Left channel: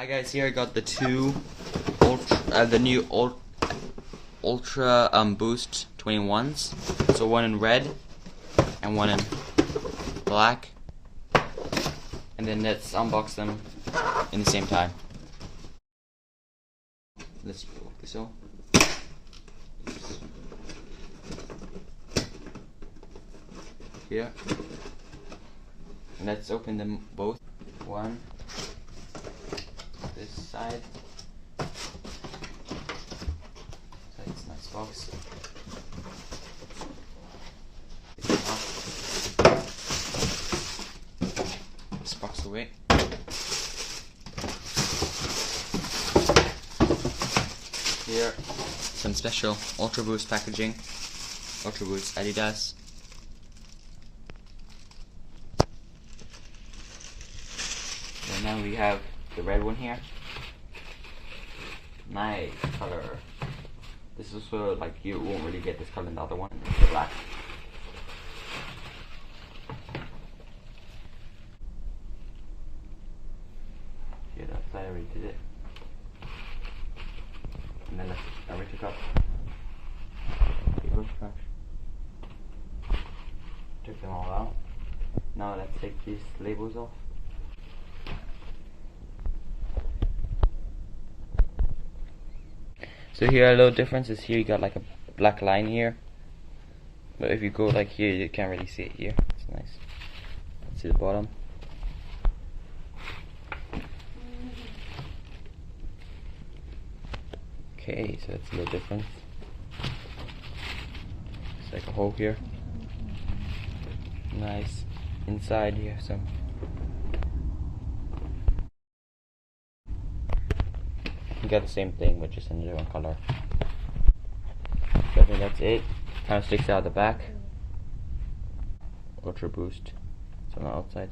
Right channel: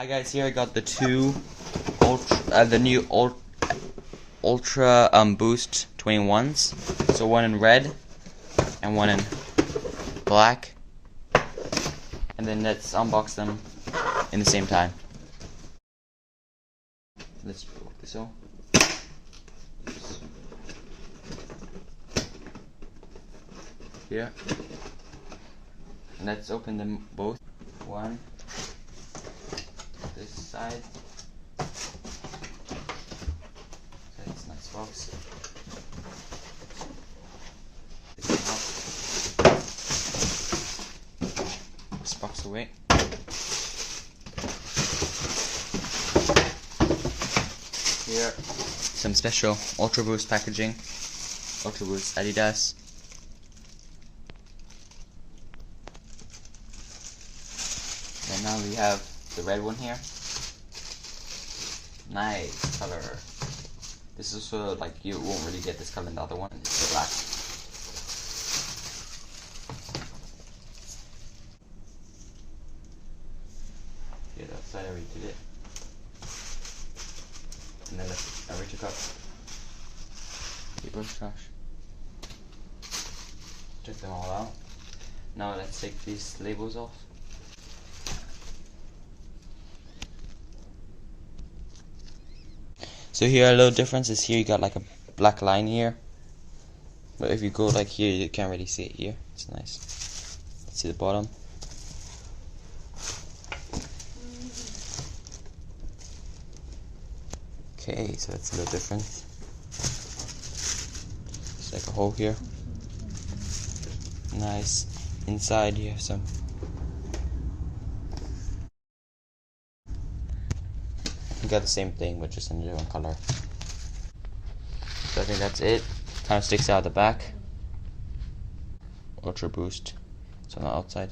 Hi guys, here I got the new Ultra Boost 21s. So one in red and one in black. And then let's unbox them in the same time. Let's poke this out. Here. And let's open them both. One. This side. That's a nice box. This box away. Here, some special Ultra Boost packaging. Ultra Boost Adidas. And now we have the red one here. Nice color. This is also like you won't really get this color in the other one. It's the black. Here, that side I already did it. And then I already took up. Here goes trash. Took them all out. Now let's take these labels off. So here a little difference is here you got like a black line here, but if you go like here you can't really see it here. It's nice. Let's see the bottom. Okay, so that's a little different. It's like a hole here. Nice. Inside you have some. You got the same thing, but just in a different color. So I think that's it. Kind of sticks out the back. Ultra Boost. It's on the outside.